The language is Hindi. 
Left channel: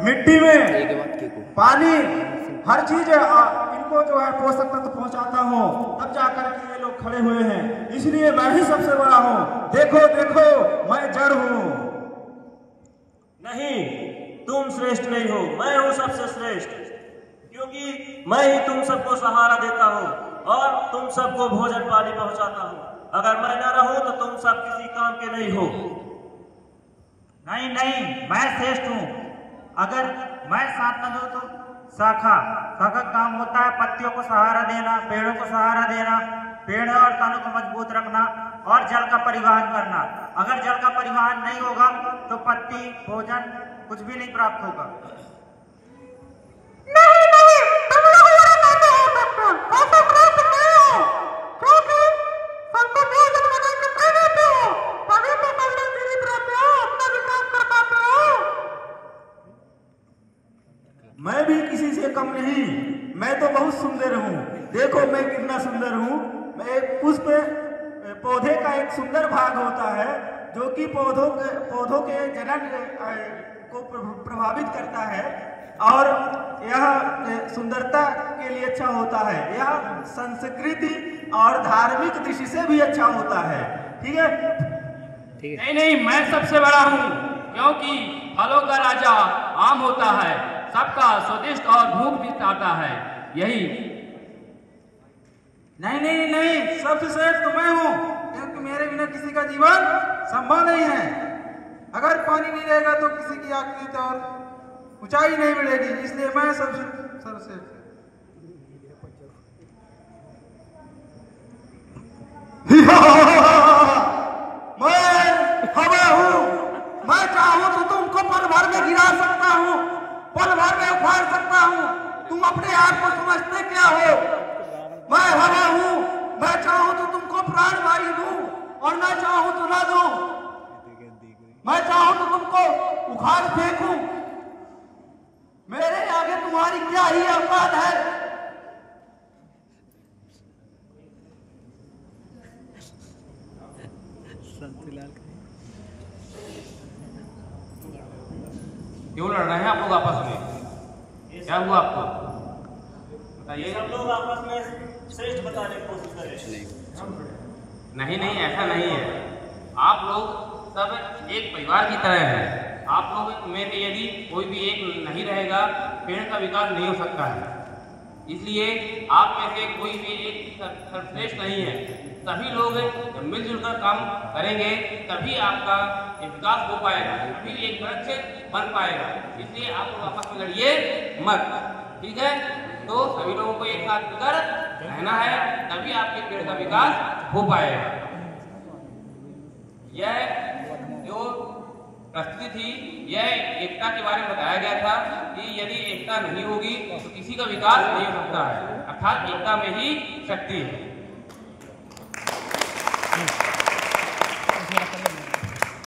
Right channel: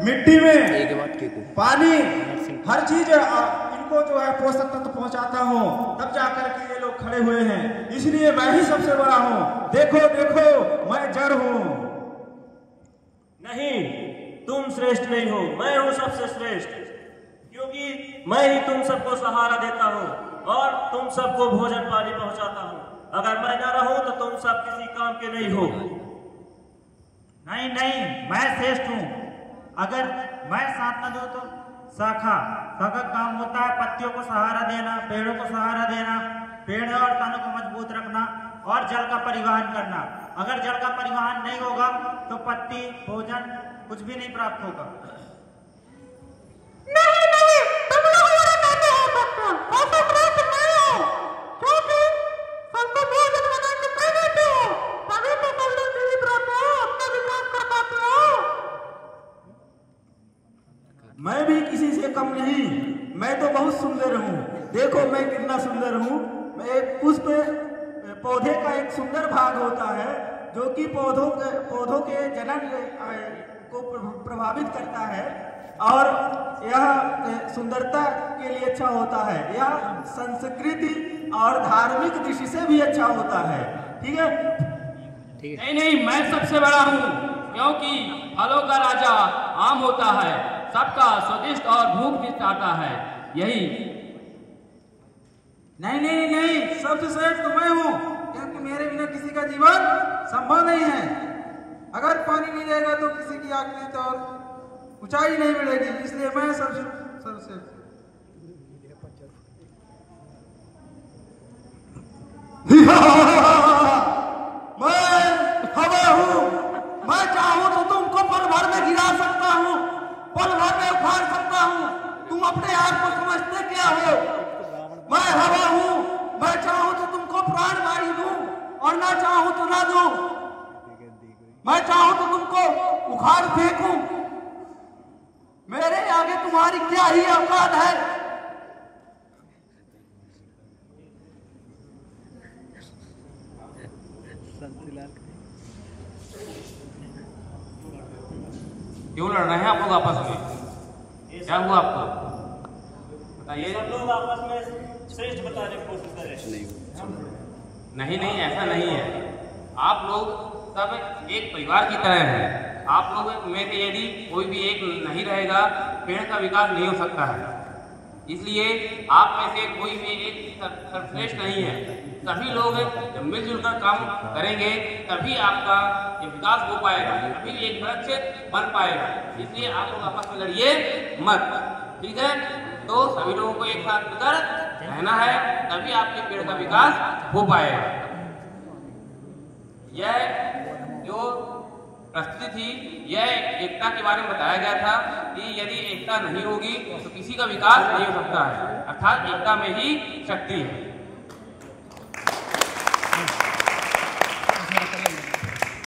मिट्टी में, पानी, हर चीज इनको जो है पोषक तत्व पहुंचाता हूँ, तब जाकर के ये लोग खड़े हुए हैं। इसलिए मैं ही सबसे बड़ा हूँ। देखो देखो मैं जड़ हूँ। नहीं, तुम श्रेष्ठ नहीं हो, मैं हूँ सबसे श्रेष्ठ, क्योंकि मैं ही तुम सबको सहारा देता हूँ और तुम सबको भोजन पानी पहुंचाता हूँ। अगर मैं ना रहूं तो तुम सब किसी काम के नहीं हो। नहीं नहीं, मैं श्रेष्ठ हूँ। अगर मैं साथ न दूं तो शाखा का काम होता है पत्तियों को सहारा देना, पेड़ों को सहारा देना, पेड़ और तनों को मजबूत रखना और जल का परिवहन करना। अगर जल का परिवहन नहीं होगा तो पत्ती, भोजन कुछ भी नहीं प्राप्त होगा। नहीं नहीं, तुम लोग मेरा कहते हो सकते हो, ऐसा श्रेष्ठ नहीं हो, क्योंकि सबको भोजन बना के दे देते हो, तभी तो तुम लोग जीवित रहते हो, अपना विकास कर पाते हो। मैं भी किसी से कम नहीं, मैं तो बहुत सुंदर हूँ। देखो मैं कितना सुंदर हूँ। मैं एक पुष्प, पौधे का एक सुंदर भाग होता है जो कि पौधों के जनन को प्रभावित करता है और यह सुंदरता के लिए अच्छा होता है। यह संस्कृति और धार्मिक दृष्टि से भी अच्छा होता है। ठीक है? नहीं नहीं, मैं सबसे बड़ा हूँ, क्योंकि फलों का राजा आम होता है, सबका स्वादिष्ट और भूख भी आता है। यही नहीं नहीं नहीं, सबसे श्रेष्ठ तो मैं हूँ, क्योंकि मेरे बिना किसी का जीवन संभव नहीं है। अगर पानी नहीं रहेगा तो किसी की आकृति और ऊंचाई नहीं मिलेगी, इसलिए मैं सबसे मैं हवा हूँ। मैं चाहूँ तो तुमको पल भर में गिरा सकता हूँ, पल भर में उखाड़ सकता हूँ। तुम अपने आप को समझते क्या हो? मैं हवा हूँ। मैं चाहूँ तो तुमको प्राण वायु दूं और ना चाहूँ तो ना दूं। मैं चाहूँ तो तुमको उखाड़ फेंकूं। मेरे आगे तुम्हारी क्या ही औकात है? क्यों लड़ रहे हैं आप लोग आपस में? क्या हुआ आपको? ये सब लोग आपस में श्रेष्ठ बताने की कोशिश करें। नहीं नहीं, ऐसा नहीं है। आप लोग सब एक परिवार की तरह हैं। आप लोग में से यदि कोई भी एक नहीं रहेगा, पेड़ का विकास नहीं हो सकता है। इसलिए आप में से कोई भी एक सर्वश्रेष्ठ नहीं है। सभी लोग मिलजुल कर काम करेंगे तभी आपका विकास हो पाएगा, तभी एक वृक्ष बन पाएगा। इसलिए आप लोग आपस में लड़िए मत, ठीक है? तो सभी लोगों को एक साथ मिलकर रहना है, तभी आपके पेड़ का विकास हो पाएगा। यह जो प्रस्तुति थी, यह एकता के बारे में बताया गया था कि यदि एकता नहीं होगी तो किसी का विकास नहीं हो सकता है, अर्थात एकता में ही शक्ति है।